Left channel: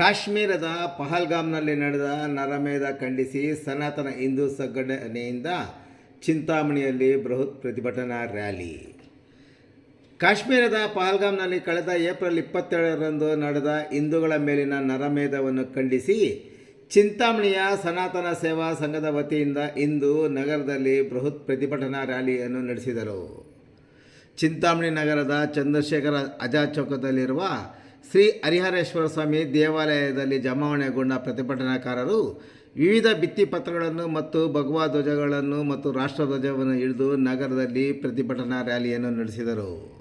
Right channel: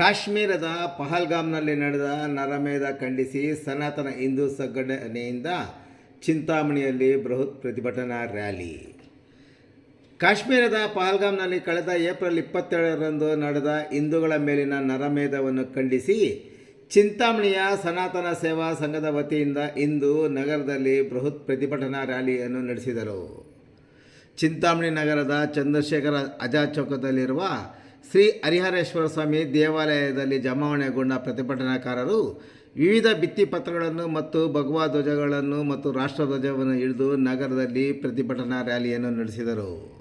ಕಾಶ್ಮೀರದ ಪಹಲ್ಗಾಮ್ನಲ್ಲಿ ನಡೆದ ನರಮೇಧ ಖಂಡಿಸಿ ಸನಾತನ ಹಿಂದೂ ಸಂಘಟನೆಯಿಂದ ಚಿಂತಾಮಣಿಯಲ್ಲಿ ಬೃಹತ್ ಪ್ರತಿಭಟನಾ ರ್ಯಾಲಿ. ಕಾಶ್ಮೀರದ ಪಹಲ್ಗಾಮ್ನಲ್ಲಿ ಕಳೆದ ಏಪ್ರಿಲ್ ಇಪ್ಪತ್ತೇಳರಂದು ನಡೆದ ಹಿಂದೂಗಳ ಮೇಲಿನ ನರಮೇಧವನ್ನು ಖಂಡಿಸಿ ಚಿಂತಾಮಣಿಯ ಸನಾತನ ಸೇವಾ ಸಂಘದ ವತಿಯಿಂದ ಇಂದು ನಗರದಲ್ಲಿ ಬೃಹತ್ ಪ್ರತಿಭಟನಾ ರ್ಯಾಲಿಯನ್ನು ನಡೆಸಿದರು. ಚಿಂತಾಮಣಿ ನಗರದ ಚಂದ್ರಶೇಖರ ಅಜಾ ಚೌಕದಲ್ಲಿರುವ ಶ್ರೀ ಹರಿಹರೇಶ್ವರ ಸ್ವಾಮಿ ದೇವಾಲಯದಲ್ಲಿ ಜಮಾವಣೆಗೊಂಡ ಪ್ರತಿಭಟನಾಕಾರರು ವಿವಿಧ ಭಿತ್ತಿಪತ್ರಗಳನ್ನು ಮತ್ತು ಭಗವಾ ಧ್ವಜಗಳನ್ನು ಮತ್ತು ರಾಷ್ಟ್ರಧ್ವಜವನ್ನು ಹಿಡಿದು ನಗರದಲ್ಲಿ ಪ್ರತಿಭಟನಾ ರ್ಯಾಲಿಯನ್ನು ನಡೆಸಿದರು.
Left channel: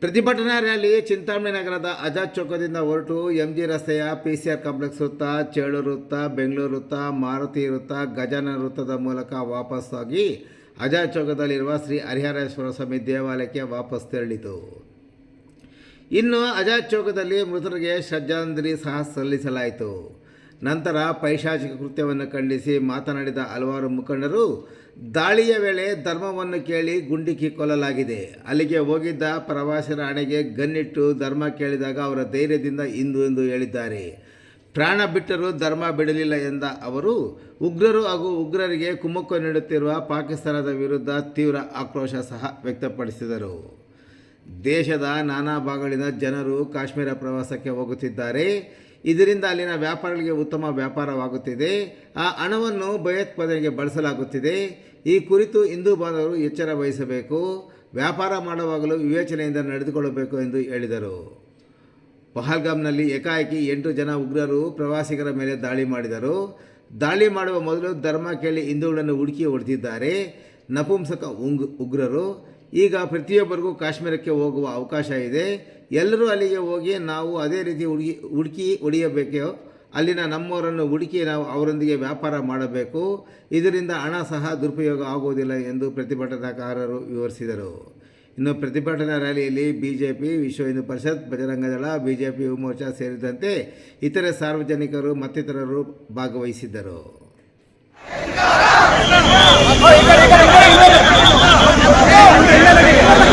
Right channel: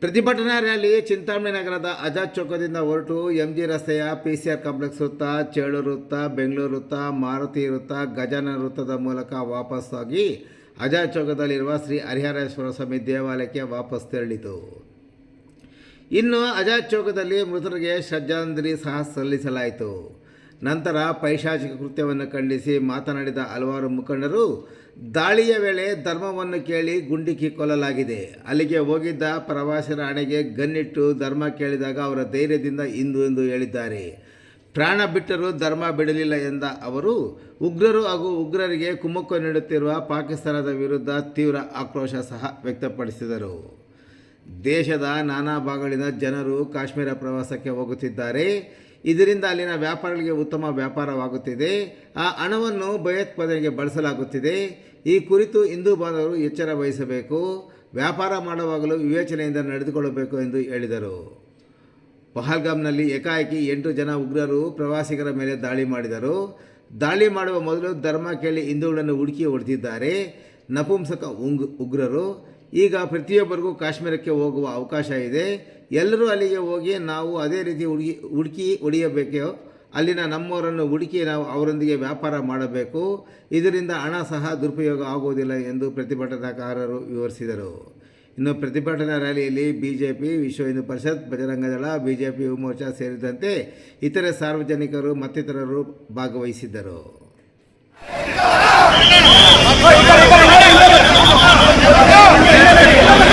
ಪ್ರತಿಭಟನಾ ರ್ಯಾಲಿ ಚಿಂತಾಮಣಿ ನಗರದ ಆಜಾದ್ ಚೌಕದಿಂದ ಹೊರಟು ಎಂ ಜಿ ರಸ್ತೆಯ ಪಿ ಸಿ ಆರ್ ಕಾಂಪ್ಲೆಕ್ಸ್ ವೃತ್ತ, ಚೇಳೂರು ವೃತ್ತ, ಬೆಂಗಳೂರು ವೃತ್ತ, ಮಾರುತಿ ವೃತ್ತ, ಗಜಾನನ ವೃತ್ತದ ಮೂಲಕ ವಾಪಸ್ಸಾಗಿ ಆಜಾದ್ ಚೌಕದಲ್ಲಿರುವ ಶ್ರೀ ಹರಿಹರೇಶ್ವರ ಸ್ವಾಮಿ ದೇವಾಲಯಕ್ಕೆ ವಾಪಸ್ ತೆರಳಿತು. ಇನ್ನು ಆಜಾದ್ ಚೌಕದಲ್ಲಿ ಮೃತರಿಗೆ ಶ್ರದ್ಧಾಂಜಲಿ ಸಹ ಸಲ್ಲಿಸಲಾಯಿತು. ನಂತರ ಪೈಶಾಚಿಕ ಕೃತ್ಯವನ್ನು ಖಂಡಿಸಿ ಮಾತನಾಡಿದ ಹಲವಾರು ಮುಖಂಡರು, ದಾಳಿಯ ವೇಳೆ ಧರ್ಮವನ್ನು ಕೇಳಿ ಗುಂಡಿಕ್ಕಿ ಕೊಲ್ಲಲಾಗಿದೆ. ಅಲ್ಲಿಗೆ ಹೋಗಿದ್ದ ಪ್ರವಾಸಿರ ಹಣೆಗೆ ಗನ್ನಿಟ್ಟು ಧರ್ಮ ಕೇಳಿದಾಗ ಅವರ ಧೈರ್ಯದಿಂದ ಇಂದು ಎಂದು ಹೇಳಿದ್ದಾರೆ. ಪ್ರಾಣ ಬಿಟ್ಟರೂ ಧರ್ಮ ಬಿಡಲಿಲ್ಲ ಎಂದ ಅವರು, ಉಗ್ರರು ಹಾಗೂ ಉಗ್ರರಿಗೆ ಕುಮ್ಮಕ್ಕು ನೀಡುತ್ತಿರುವ ಪಾಕಿಸ್ತಾನದ ವಿರುದ್ಧ ತೀವ್ರ ಆಕ್ರೋಶ ಸಹ ವ್ಯಕ್ತಪಡಿಸಿದರು. ದೇಶದ ನಾನಾ ಭಾಗಗಳಿಂದ ಜನರು ಕಾಶ್ಮೀರ ಪ್ರವಾಸಕ್ಕೆ ಹೋಗುತ್ತಿದ್ದಾರೆ. ಇದರಿಂದ ಅಲ್ಲಿನ ವ್ಯಾಪಾರಿಗಳಿಗೆ ಉತ್ತಮ ವ್ಯಾಪಾರವಾಗುತ್ತಿದೆ. ಆ ಹಣವನ್ನು ಭಯೋತ್ಪಾದನೆಗೆ ಬಳಸಲಾಗುತ್ತಿದೆ. ಈ ಕುರಿತು ಹಿಂದೂ ಬಾಂಧವರು ಎಚ್ಚರ ವಹಿಸಬೇಕು. ವ್ಯಾಪಾರ ಮಾಡುವಾಗಲೂ ವಿವೇಚನೆಯಿಂದ ನಡೆದುಕೊಳ್ಳಬೇಕು ಎಂದು ಹೇಳಿದರು. ಪಹಲ್ಗಾಮ್ನಲ್ಲಿ ಏಕಾಏಕಿ ಎಂಟು ಜನ ಉಗ್ರರು ಪ್ರವಾಸಿಗರ ಮೇಲೆ ದಾಳಿ ಮಾಡಿದರು. ದಾಳಿ ಮಾಡುವ ಮೊದಲು ಧರ್ಮ ಕೇಳಿ ಹಿಂದೂಗಳನ್ನು ಹುಡುಕಿ ಹೊಡೆದಿದ್ದಾರೆ. ನಪುಂಸಕ ಉಂಗ್ ಉಗ್ರರು ಈಗ ಪ್ರತಿಯೊಬ್ಬರಿಗೂ ಕಾಶ್ಮೀರಕ್ಕೆ ಹೋಗುವ ಅವಕಾಶ ಇದೆ. ಎಲ್ಲರೂ ಅಲ್ಲಿಗೆ ಹೋಗಿ ನಾವು ಅದೇ ರೀತಿ ಹುಡುಗಿ, ಹುಡುಕಿ ಹೊಡೆಯಬೇಕು ಅಲ್ಲಿನ ನಮ್ಮವರನ್ನು ಹುಡುಕಿ ನಾವು ಅವರೊಂದಿಗೆ ವ್ಯಾಪಾರ ಮಾಡಬೇಕು. ಇದರಿಂದ ಹಣ ಸಹ ದುರುಪಯೋಗ ಆಗುವುದಿಲ್ಲ ಎಂದು ಪ್ರತಿಭಟನಾಕಾರರು ವಿವರಿಸಿದರು. ಇನ್ನು ಪ್ರತಿಭಟನಾ ರ್ಯಾಲಿಯಲ್ಲಿ ಬಿಜೆಪಿ, ವಿಶ್ವ ಹಿಂದೂ ಪರಿಷತ್ ಬಜರಂಗದಳ ಬಿಜೆಪಿ ಯುವ ಮೋರ್ಚಾ ಸೇರಿದಂತೆ ಇತರೆ ಸಾರ್ವಜನಿಕರು ಮತ್ತಿತರರು ಭಾಗವಹಿಸಿದ್ದರು. இல்லை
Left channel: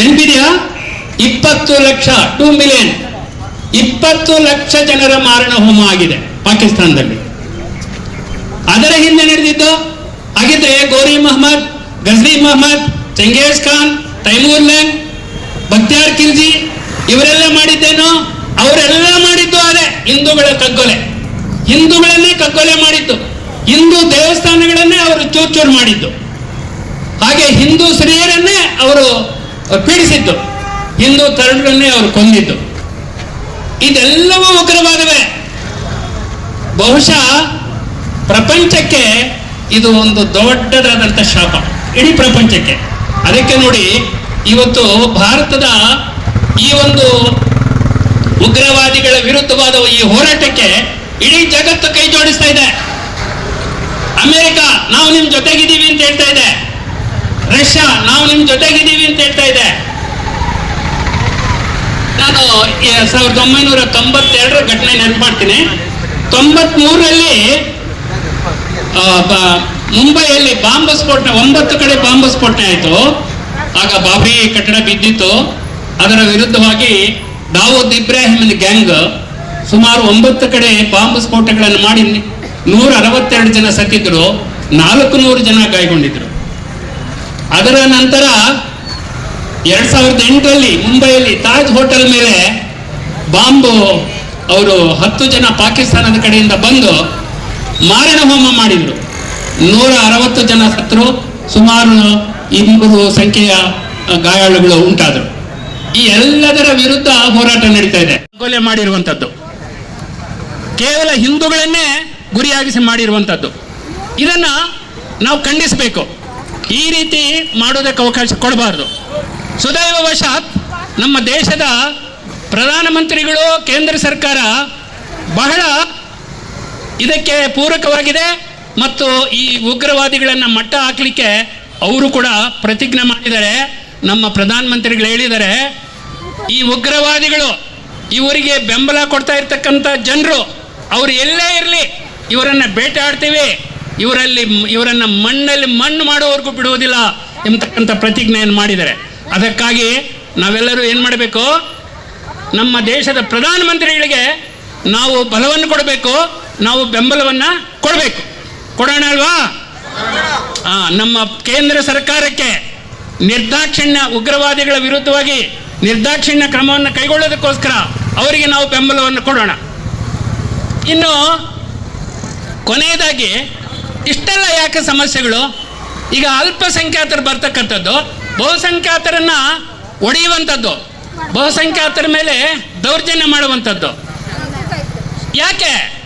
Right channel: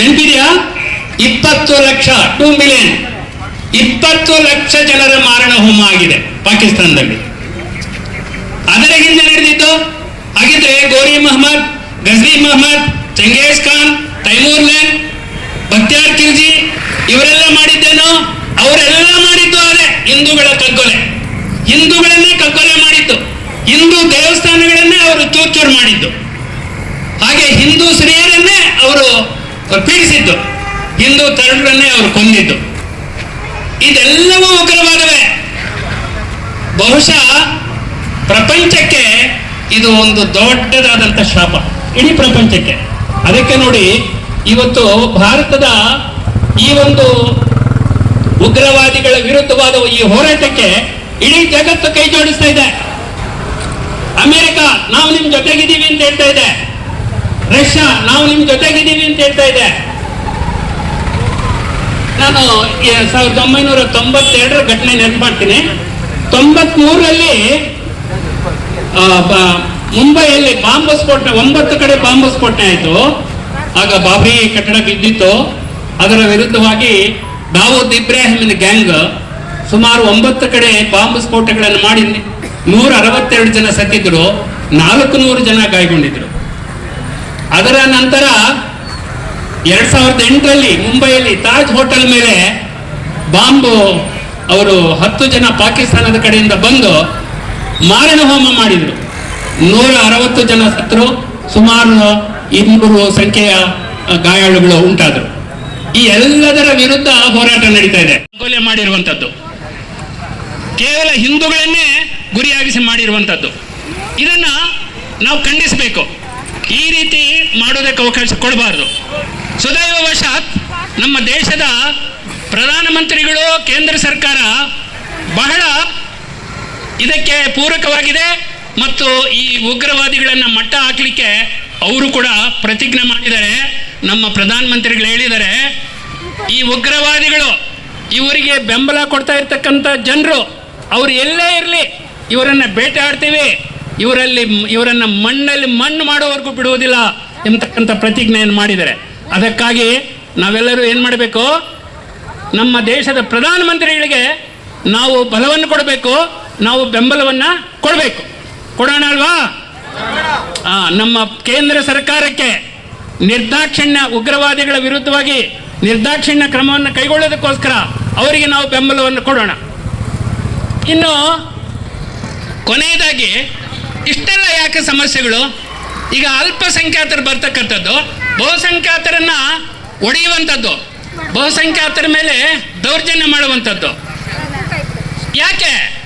ನೆನಪಿದೆಯಾ? ಇಪ್ಪತ್ತು ಲಕ್ಷ ಟೂ ಮಿಲಿಯನ್ ಇಪ್ಪತ್ತು ಲಕ್ಷ ಜನರ ಮಾರಣ ಹೋಮ ಆಗಿದೆ ಪಾಕಿಸ್ತಾನದಲ್ಲಿ. ಅದರ ಹಿಂದೆ ನಡೆದಿದ್ದು ಹಾಗಿದ್ರೆ ಗೋರಿ ಮೊಹಮ್ಮದ್, ಗಜ್ರಿ ಮೊಹಮ್ಮದ್, ಚಂಗೇಜ್ ಖಾನ್ ತೈಮೂರ್ ಲೈನ್ ಬಕ್ತಿಯಾರ್ ಖಿಲ್ಜಿ, ಇವರೆಲ್ಲ ಮಾಡಿದ್ದೇನು? ಅವರೆಲ್ಲ ಮಾಡಿದ್ದು ಅದೇ, ಹಿಂದೂಗಳ ಕಗ್ಗೊಲೆ. ಹಿಂದೂಗಳನ್ನೇ ಕಗ್ಗೊಲೆ ಮಾಡಿದ್ದು. ಹಿಂದೂ ದೇವಸ್ಥಾನಗಳನ್ನೇ ಅವರು ಚೂರ್ಚೂರು ಮಾಡಿದ್ದು. ಹಾಗೆ ಹಿಂದೂ ಸ್ತ್ರೀಯರನ್ನೇ ಅವರು ಪೀಡಿಸಿದ್ದು ಹಿಂದೂ ತರುಣರನ್ನೇ ಅವರು ಕೊಂದಿದ್ದು. ಇದೆಲ್ಲವೂ ಉಗ್ರವಾದವೇ. ಬಹುಶಃ ಪ್ರಪಂಚಕ್ಕೆ ಇದು ಒಂದು ದೊಡ್ಡದಾದಂಥ ಶಾಪ. ಇಡೀ ಪ್ರಪಂಚಕ್ಕೆ. ಅದಕ್ಕೆ ನೋಡಿ, ಇವತ್ತು ಭಾರತದ ಈ ಒಂದು ಉಗ್ರವಾದಿಗಳ ವಿರುದ್ಧವಾದ ಈ ಹೋರಾಟಕ್ಕೆ ಇಡೀ ಜಗತ್ತು ಕೈ ಜೋಡಿಸ್ತಾ ಇದೆ. ಅಮೆರಿಕ, ನಾವು ನಿಮ್ ಜೊತೆಗಿದ್ದೀವಿ ಅಂತ ಹೇಳ್ತಾ ಇದೆ. ರಷ್ಯಾ ನಾವು ನಿಮ್ ಜೊತೆಗಿದ್ದೀವಿ ಅಂತ ಹೇಳ್ತಾ ಇದೆ. ನಾನು ಸಾವಿರದ ಒಂಬೈನೂರ ತೊಂಬತ್ತೆರಡರ ಘಟನೆ ನೆನಪು ಮಾಡ್ತೀನಿ ತೊಂಬತ್ಮೂರರಲ್ಲಿ ಆ, ಮುಂಬೈಯಲ್ಲಿ ಬಾಂಬ್ ಸ್ಫೋಟ ಒಂಬತ್ತು ಕಡೆ ಬಾಂಬ್ ಸ್ಫೋಟ ಆಯಿತು. ಆಗ ಬಾಬ್ರಿ ಕಟ್ಟಡ ಬಿದ್ದಿತ್ತು. ಅದರ ವಿರುದ್ಧವಾಗಿ ದಾವೂದ್ ಇಬ್ರಾಹಿಮಿನ ಗ್ಯಾಂಗ್ ಸುಮಾರು ಒಂಬತ್ತು ಕಡೆ ಬಾಂಬ್ ಸ್ಫೋಟಗಳನ್ನು ಮಾಡಿ ನೂರ ಅರವತ್ತೆರಡು ಜನ ಸತ್ತಿದ್ರು ನಾಲ್ಕು ನೂರು ಜನ ಗಾಯಗೊಂಡಿದ್ರು ಅದರ ನಂತರ ಎರಡ್ ಸಾವಿರದ ಎಂಟರಲ್ಲಿ ಮುಂಬೈಯಲ್ಲಿ ತಾಜ್ ಹೋಟೆಲ್ ಮೇಲೆ ಬಾಂಬ್ ಅವರು ಹತ್ತು ಜನ ಪಾಕಿಸ್ತಾನದ ಕಡೆಯಿಂದ ಬಂದು ಮಾರಣ ಹೋಮ ಮಾಡಿದ್ರು. ನೂರ ಅರವತ್ತು ಜನ ಸತ್ರು, ಸುಮಾರು ಇನ್ನೂರು ಸಂಖ್ಯೆಯ ಗಾಯಾಳುಗಳು ಉಂಟಾದರು. ಈ ಎಲ್ಲದರ ವಿರುದ್ಧ ಹೋರಾಟ ನಡೀತಾ ಇದೆ. ಕೊಲೆ ಮಾಡಿರುವಂತದ್ದು. ಕೇವಲ ಹಿಂದೂಗಳನ್ನೇ ಗುರಿಯಾಗಿಸಿ ಮಾಡಿರುವಂತದ್ದು. ಇದನ್ನ ನಾವು ಖಂಡಿಸಬೇಕು. ಈ ರೀತಿ ಮಾಡೋದಕ್ಕೆ ಅವಕಾಶ ಕೊಡಬಾರದು. ಸುದೈವವಶಾತ್ ನಮ್ಮ ದೇಶದ ಪ್ರಧಾನಮಂತ್ರಿಗಳು, ಕೇಂದ್ರ ಸರ್ಕಾರ ಬಹಳ ಇದಕ್ಕೆ ಪೂರಕವಾಗಿದೆ ಮತ್ತು ಈ ಉಗ್ರವಾದಿಗಳನ್ನು ಮಟ್ಟ ಹಾಕಲಿಕ್ಕೆ ಅವರು ಕೂಡ ಪ್ರತಿಜ್ಞೆ ಮಾಡಿದ್ದಾರೆ. ನಮ್ಮ ಪ್ರಧಾನಮಂತ್ರಿಗಳು ಹೇಳಿದ್ದಾರೆ, ಈ ಉಗ್ರವಾದಿಗಳು ಇವರಿಗೆ ಬೆಂಬಲ ಕೊಡ್ತಾ ಇರ್ತಕ್ಕಂಥ ಜನರು, ಅವರು ಎಲ್ಲೇ ಇರಲಿ, ಇವರನ್ನು ಬೇಟೆ ಬೇಟೆಯಾಡ್ತೀವಿ ಇವರಲ್ಲಿ ಇವರನ್ನ ಮಣ್ಣಲ್ಲಿ ಮಣ್ಣು ಮಾಡೋವರೆಗೂ ಬಿಡುವುದಿಲ್ಲ ಎಂಬತಕ್ಕಂಥ ಪ್ರತಿಜ್ಞೆಯನ್ನು ಮಾಡಿದ್ದಾರೆ. ಅದಕ್ಕಾಗಿ ನಾವೆಲ್ಲರೂ ಏನು ಮಾಡಬೇಕು? ನಮ್ಮ ದೇಶದ ಪ್ರಧಾನಮಂತ್ರಿಗಳಿಗೆ ನಾವು ಬಲವನ್ನು ಕೊಡಬೇಕು, ನಾವು ಬೆಂಬಲವನ್ನ ಕೊಡಬೇಕು. ಕೊಡೋಣ ಅಲ್ವಾ? ನಮ್ಮ ಕೇಂದ್ರ ಸರ್ಕಾರಕ್ಕೆ ನಿರ್ದಾಕ್ಷಿಣ್ಯ ಉಗ್ರವಾದಿಗಳ ವಿರುದ್ಧವಾಗಿ ನಿರ್ದಾಕ್ಷಿಣ್ಯ ಕ್ರಮವನ್ನು ಕೈಗೊಳ್ಳೋದಕ್ಕೋಸ್ಕರ ಅವರಿಗೆ ನಾವು ಬೆಂಬಲವನ್ನು ಕೊಡೋಣ. ಇನ್ನು ಕೊನೆಯದಾಗಿ ಇಷ್ಟೆಲ್ಲ ಯಾಕೆ ಸಮಸ್ಯೆಗಳು? ಈಗ ಅಲ್ಪಸಂಖ್ಯಾತರು ಬರ್ತಕ್ಕಂಥದ್ದು, ಬಹುಸಂಖ್ಯಾತರನ್ನ ಒಡೆಯುವಂಥದ್ದು, ಬಹುಸಂಖ್ಯಾತರ ಮೇಲೆ ದೌರ್ಜನ್ಯ ಮಾಡುವಂಥದ್ದು. ಯಾಕೆ?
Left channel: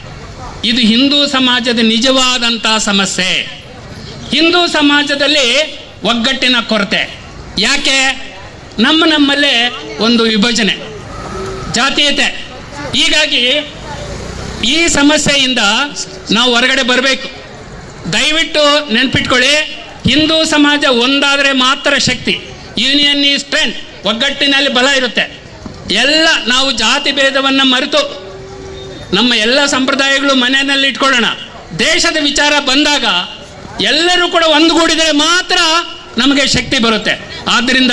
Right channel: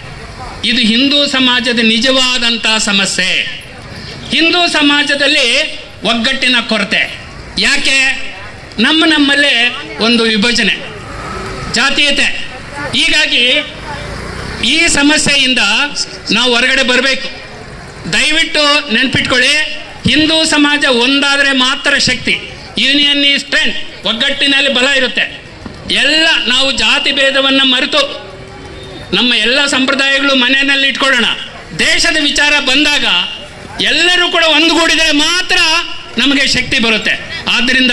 ಇದು ಹಿಂದೂ ಸಮಾಜದ ನಿಜವಾದಂತಹ ಸಮಸ್ಯೆ. ಹಿಂದೂ ಸಮಾಜದಲ್ಲಿ ಒಗ್ಗಟ್ಟಿನ ಕೊರತೆ. ಯಾಕೆ? ನಮ್ಮ ನಮ್ಮಲ್ಲೇ ಒಂದು ವಿಭಜನೆ, ಜಾತೀಯತೆ. ಹೀಗಾಗಿ ಈ ಸಮಸ್ಯೆಯಿಂದ ನಾವು ಹೊರಗಡೆ ಬರಬೇಕು. ದಯವಿಟ್ಟು ನೆನ್ಪಿಟ್ಕೊಳ್ಳಿ ಹಿಂದೂ ಸಮಾಜ ಒಂದಾದರೆ ಮಾತ್ರ ಶಕ್ತಿ ಯೂನಿಯನ್ ಈ ಸ್ಟ್ರೆಂತ್ ಒಗ್ಗಟ್ಟಿನಲ್ಲಿ ಬಲ ಇರುತ್ತೆ. ಎಲ್ಲ ನಾವು ಜಾತಿ ಭೇದವನ್ನು ಮರೆತು ನಮ್ಮ ಎಲ್ಲ ಸಂಪ್ರದಾಯಗಳು ಮನೆಯಲ್ಲಿ ಇಟ್ಕೊಳ್ಳೋಣ. ದೇಶದ ವಿಚಾರ ಬಂದಾಗ ಎಲ್ಲರೂ ಕೂಡ ಒಂದುಗೂಡಿದರೆ ಮಾತ್ರ ನಮಗೆ ಶಕ್ತಿ ಬರುತ್ತೆ. ಆದ್ದರಿಂದ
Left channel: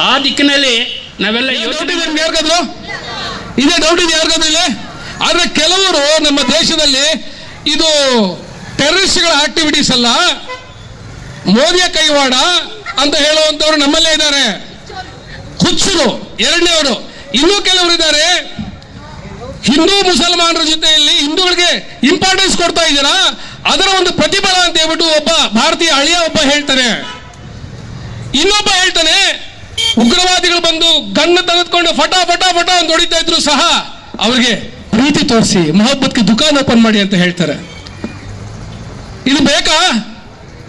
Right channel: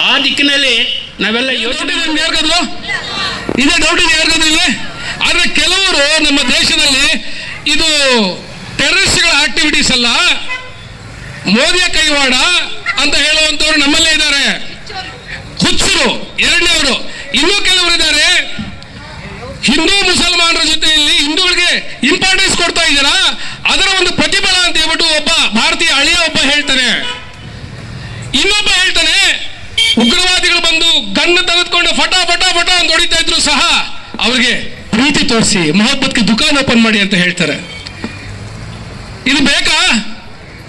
ಆ ದಿಕ್ಕಿನಲ್ಲಿ ನಾವೆಲ್ಲ ಯೋಚನೆ ಯಾರಿಗಾದ್ರು ಇದೇ ಡೌಟ್ ಇದೆ ಯಾರಿಗಾದ್ರು ಇಲ್ಲಿ ಆದ್ರೆ ಕೆಲವರು ನಮ್ಮ ದೇಶದಲ್ಲಿ ಇದು ಟೆರರಿಸ್ಟ್ಗಳ ಆಕ್ಟಿವಿಟೀಸ್ ಅಲ್ಲ, ಮೋದಿಯ ಕೈವಾಡ ಅಂತ ಹೇಳುವಂತವ್ರು ನಮ್ಮಲ್ಲೇ ಇದ್ದಾರೆ. ಹುಚ್ಚರು, ಎರಡನೇವರು, ಇನ್ನೂ ಕೆಲವರು ಇದ್ದಾರೆ. ಹಿಂದೂ ಮುಸಲ್ಮಾನರ ಜೊತೆಯಲ್ಲಿ ಹಿಂದೂಗಳಿಗೆ ಇಂಪಾರ್ಟೆನ್ಸ್ ಕೊಡ್ತಾ ಇದ್ದೀರಾ? ಅದರ ಒಂದು ಪ್ರತಿಫಲ ಅಂತ ಹೇಳ್ಬಿಟ್ಟು ಒಬ್ಬ ಭಾರತೀಯ ಅಳಿಯ ಒಬ್ಬ ಹೇಳ್ತಾರೆ ಇನ್ನೊಬ್ಬ ಹೇಳ್ತಾನೆ, ಉಗ್ರವಾದಿಗಳು ಬಂದು ಗನ್ನ ತೆಗೆದುಕೊಂಡು ಫಟ ಫಟ ಫಟ ಅಂತ ಹೊಡಿತಾ ಇದ್ರು ಸಹ, ಅವ್ರಿಗೆ ಪ್ರೀತಿ ತೋರಿಸಿ, ಮೊಹಬ್ಬತ್ಗೆ ದುಕಾನ್ ಓಪನ್ ಮಾಡಿ ಅಂತ ಹೇಳ್ತಾರೆ. ಇದು ಬೇಕಾ?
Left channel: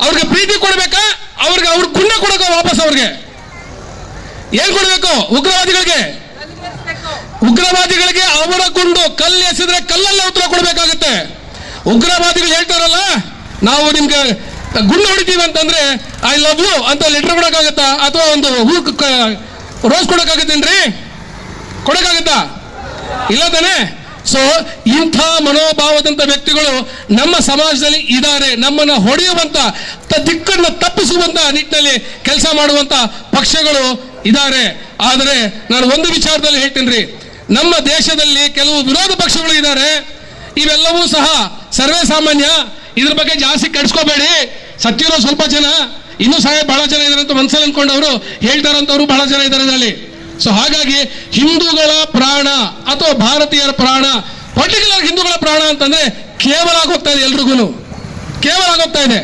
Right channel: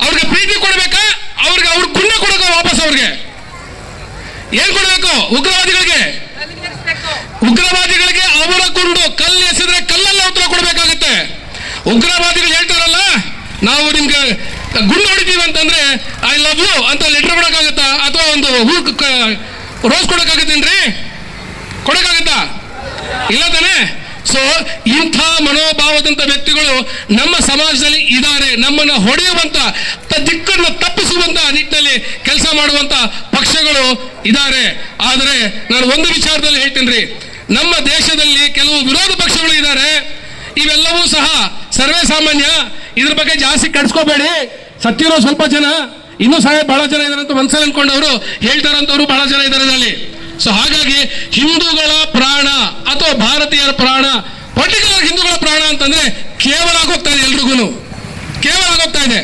ಅವ್ರಿಗೆ ಪ್ರೀತಿ ಕೊಡಬೇಕಾ? ಅವ್ರಿಗೆ ಅವ್ರ ಕುಣ್ಣ ಕೊಡಬೇಕಾ ವಾಪಸ್ ಅವ್ರಿಗೆ. ಏನ್ ಕೊಡಬೇಕು? ಉಗ್ರವಾದಿಗಳಿಗೆ? ಉಗ್ರವಾದಿಗಳಿಗೆ ಅವರ ಕುಂಡು ಕಲ್ಲು ಎಸೆದ್ರೆ ಕಲ್ಲೆಲ್ಲ ಉತ್ತರ ಕೊಡ್ಬೇಕಾಗತ್ತೆ. ಉಗ್ರವಾದಿಗಳು ಹೇಳ್ತಾರಲ್ಲ, ನಾವು ನಿಮ್ಗೆ ಗುಂಡು ಹೊಡಿತೀವಿ ಅಂತಂದ್ರೆ ಐ ಲವ್ ಯು ಅಂತ ಲೆಟರ್ ಕೊಡಕ್ಕಾಗತ್ತಾ? ಅಥವಾ ಒಂದು ಹೂ ರೋಸ್ ಕೊಡಕ್ಕಾಗತ್ತೇನ್ರಿ? ಕೊಡಕ್ಕಾಗತ್ತಾ? ಇಲ್ಲ ತಾನೆ? ಸೊ ಇಂಥ ಮನೋಭಾವದಂತ ವ್ಯಕ್ತಿಗಳು ನಮ್ಮ ಸಮಾಜದಲ್ಲಿ ಇದ್ದಾರೆ, ನಮ್ಮನ್ನ ಹೊಡೆಯುವಂತ ದಿಕ್ಕನ್ನು ತಪ್ಪಿಸುವಂತ ನಿಟ್ಟಿನಲ್ಲಿ ಕೆಲಸ ಮಾಡುವಂತ ಪಕ್ಷಗಳು ಇದ್ದಾರೆ. ಆದರೆ ನಾನು ಒಂದು ವಿಚಾರದಲ್ಲಿ ಹೇಳ್ತೀನಿ ನಮ್ಮ ದೇಶದಲ್ಲಿ ಕೆಲವು ವಿರೋಧ ಪಕ್ಷಗಳು ಇದ್ದಾರೆ. ಇವೆಲ್ಲವೂ ಸಹ ಸರ್ವೇ ಸಾಮಾನ್ಯ, ಇದ್ರ ಬಗ್ಗೆ ಜಾಸ್ತಿ ಕಟ್ಸ್ಕೋಬೇಡಿ. ಸತ್ಯರೋ ಸ್ವಲ್ಪ ಜನ, ಇನ್ನೂ ಸಹ ಬಹಳ ಜನ ಇದ್ದಾರೆ ಅಂತ ಮನಸ್ಸಲ್ಲಿ ಅನ್ಕೊಂಡವರು ಹೇಳ್ತಾರಂತವ್ರು ಬಹಳ ಜನ ಇದ್ದಾರೆ ಇದರಲ್ಲಿ ಸೊ ಹಾಗಾಗಿ ಹಿಂದೂಗಳ ಪ್ರಾಣ ಅಥವಾ ಭಾರತೀಯರ ಪ್ರಾಣ, ಪರ್ಟಿಕ್ಯುಲರ್ ಹಿಂದೂಗಳ ಪ್ರಾಣ ಅಂತಂದ್ರೆ ಕೇವಲ ಆಗೋಗ್ತಾ ಇದೆ ಎಲ್ರಿಗೂ ಕೇವಲ ಆಗೋಗ್ತಾ ಇದೆ.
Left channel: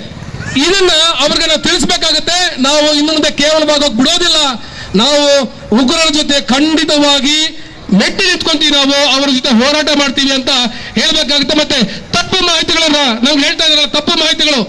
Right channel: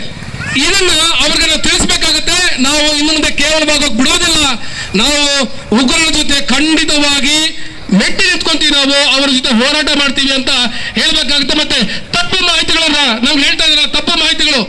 ಇದನ್ನ ಅವ್ರಿಗೆ ನಾವು ತಿಳಿಸ್ಬೇಕಾಗತ್ತೆ. ನಾವು ಇನ್ನು ಮುಂದೆ ಕೇವಲವಾಗೋಕ್ ಬಿಡೋದಿಲ್ಲ. ನಾವು ಉಗ್ರರ ಜೊತೆ ಖಂಡಿತವಾಗಿ ಮೆಟ್ಟಿ ನಿಂತ್ಕೊಂತೀವಿ ನಾವು, ಅವರ ಜೊತೆ ಹೋರಾಟ ಮಾಡ್ತೀವಿ ಅಂತ ಹೇಳ್ಬೇಕಾಗುತ್ತೆ. ಮತ್ತೆ ತಪ್ಪು ಮಾಹಿತಿಗಳನ್ನ ನಾವು ಹೇಳ್ತಾ ಇದ್ದಾರೆ, ತಪ್ಪು ಮಾಹಿತಿಗಳು.